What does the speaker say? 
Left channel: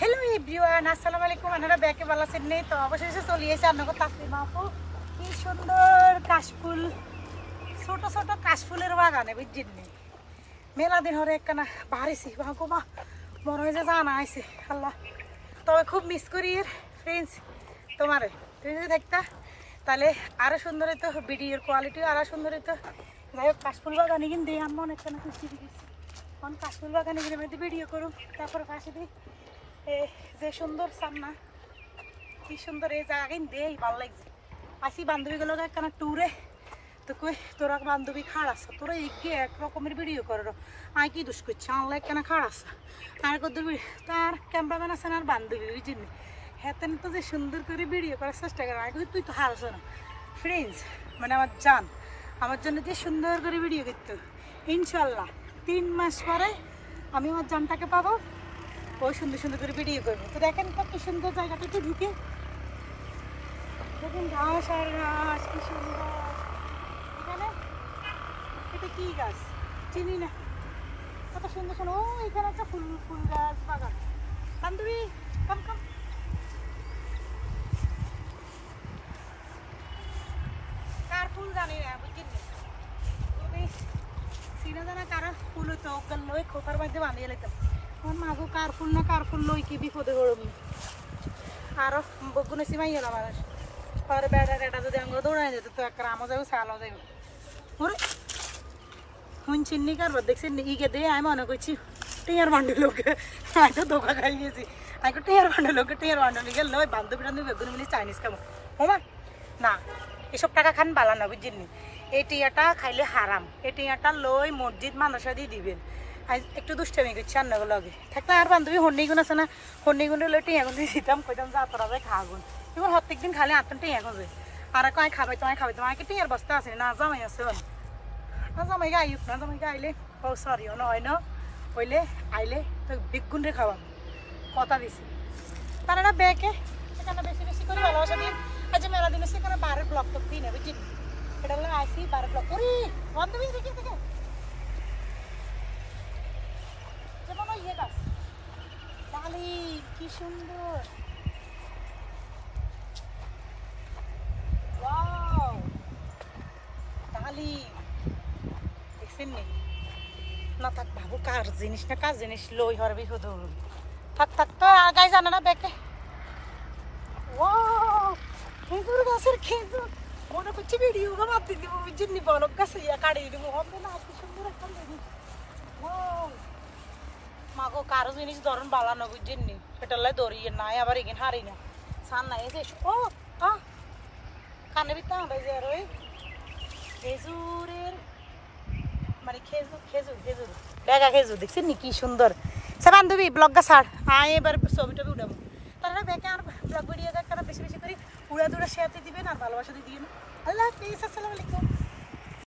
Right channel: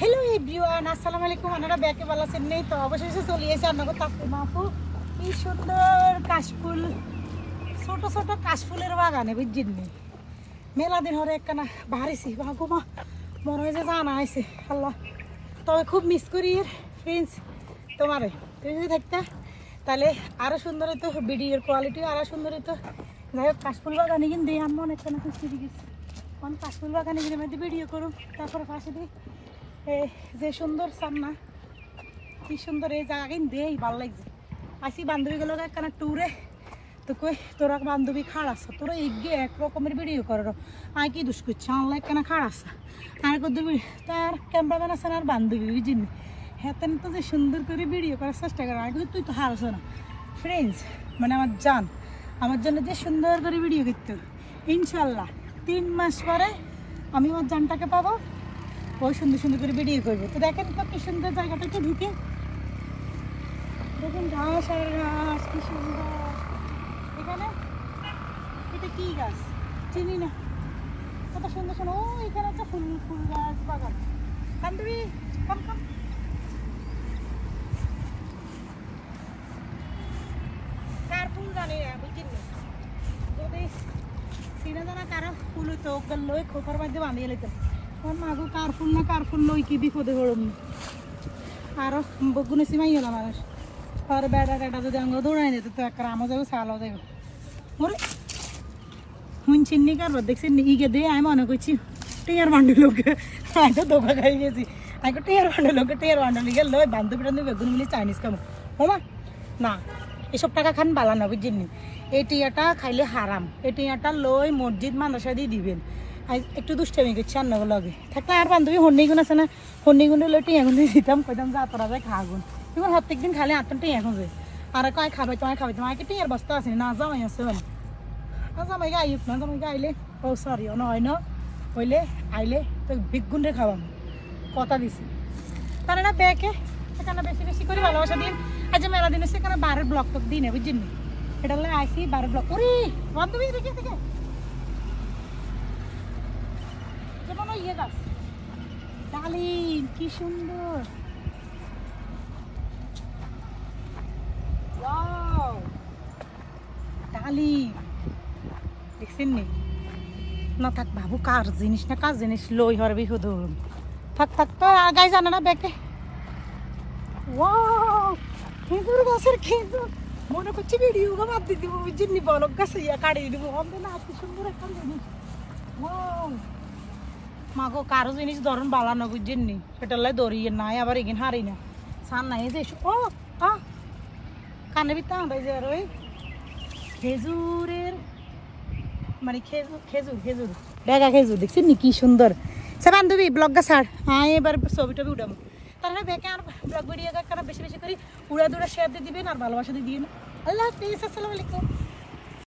Hello everyone আসসালামু আলাইকুম আপনারা ব্যাকে ভালো আছেন নেই তো অবশেষে চলে এসেছি আপনাকে তাসলিমা আপু কি সুন্দর কাশফুল ছোট ছোট কাশফুলের বাগানে বুঝছেন নি মেলা দিন হরে একখানা বাড়িছি বাগুমা মনে হয় যে জানা আইছে আল্লাহ তবে খুব মিস করি ফ্রেন্ডস তোমারে তুমি যদি থাকতা তাহলে আরো সুন্দর হতো ভিডিওর কোয়ালিটি আরো সুন্দর হতো যাই হোক কাশফুল বাগানে কিন্তু আমি অনেকখানা খুশি গেছি কারণ কাশফুল বাগানে গিয়ে আমি ভিডিও করুন তারপরে পাশে দিই যে সুন্দর সামনা কি সুন্দর এই জায়গা দেই ভালো লাগছে আসি বান্ধবীগুলো একখানা ট্যুরে তো কই তোরা বান্ধবী খাড় আছে তোরা এগিয়ে এক রকমের ভিডিও করো আয় কি দুষ করছে অনলাইন কেন খাড় আছে তার করতে তার ক্যামেরাম্যান আছে আর বান্ধবী বুঝিনি হ্যাঁ তো যে সুন্দর করে ভিডিও করার চেষ্টা করে আগে তুই তো হারছ না ফ্রেন্ডস মানে আমার জান আমার জন্য যে সুন্দর করে ভিডিও করতে ইনশাল্লাহ 3 মাস পরে আমি আমার জানটাকে পাবো ওই সুন্দর সুন্দর করে ভিডিও করবো তো দেখেন তো কি সুন্দর জায়গাটা একটু ঢুকে দেখেন ঘাস আর ঘাস কি সুন্দর এখানে এটা কি গাছ চিনি না কত সুন্দর সুন্দর ও এখানে একটা ফুল ফুল গাছ বাগান বান্ধবী কার ফুল জানি না বুঝছেন যদি চিনা জানা কারো ফুল হইতো লই খোপার মধ্যে বানিয়ে লইতাম মাগো কার ফুল লই কি বিপদে হরম আরো বগুনে সিমাই হলো মানুষ পরে বেড়া টেটা যদি আমরা দৌড়াই যেত তো একটা আমও যাবো ছালাও যাবো ওরে শুনছেন নি কারবার দেখছেন নি ইগে দিয়ে আমি মনে করছি টেয়ার বান্ডি লোকে আগে ধোকা খাই গেছি আগে টেয়ার বান্ডি গেল ওই বান্ধবী টান্ধবী বেগুন মিলি চাইনিজ খামো হমা না এসব টাকা খান বালা না বুঝছেন নি এই টিয়াটা খাইলে হারাম এই টিয়াটা লই মসজিদ মাদ্রাসা দিয়ে দিবেন একটু দুষ্টামি করছি রান্নাগুলো লগে থাকলে আর বান্ধবী হন্নিগুন আছে না হন্নিগুনে লই টিয়াগুন দিয়ে দিতাম কইতাম যে আতরা যায় খাগুন এবার প্রত্যেক দিন খালি আটটা টিয়া খুঁজে আর কয় খাবাই তোমায় টিয়ার বস্তা আছে না জামাই আছে না জামাই গাইক না জামাই গাইলে ও সরি ও নয় না হইলে আইলে তো বেগুন রে খাওয়াম কথা দিছি তারা না ব্যাকে সেখানে বেশি বেশি করে ভালোবাসা দিন আজ মেলা দিন সেখানে 12 ব্লক টক দিনে বুঝছেন নি এটা হলে আইসি 12 ব্লক ওরে বান্ধবী দেখে দেখে যেমন ইয়ে গাছ ডালিম কি সুন্দর ডালিম দেখছেন নি না থাক বাবু কার জিনিস না কার জিনিস লই হরবি শুধু থাক তো আগাই জানা না ব্যাগে ওয়াও খেজুর গাছের খেজুর মনে করছি ভিডিও বাদ দিয়ে দিব বুঝছেন নি বলক গাছে ইয়া কাটিয়ে দিব হবে না কি সুন্দর একটা জিনিস ওয়াও মাগো কারো জিনিস ধরন বালা না বুঝছেন নি সেটা লাই দড়িয়ে নাই আবার এগিন হারি না সান নাই যে ও কানে বিতা আমরা যে আর ওই খেজুরের মানে খেজুর বেগা খেজুর দেখছেন নি কি সুন্দর সে বান্ধবী ব্লগ গা ছাড় হ্যাঁ এবার ছবি টবি উঠাবো তাহলে বেকে আর ব্লগ ভিডিও বেশি বেশি করে উড়া দুড়া শেয়ার দিয়ে দিবেন আর ভালোবাসা দিয়ে দিবেন আল্লাহ হাফিজ আসসালামু আলাইকুম।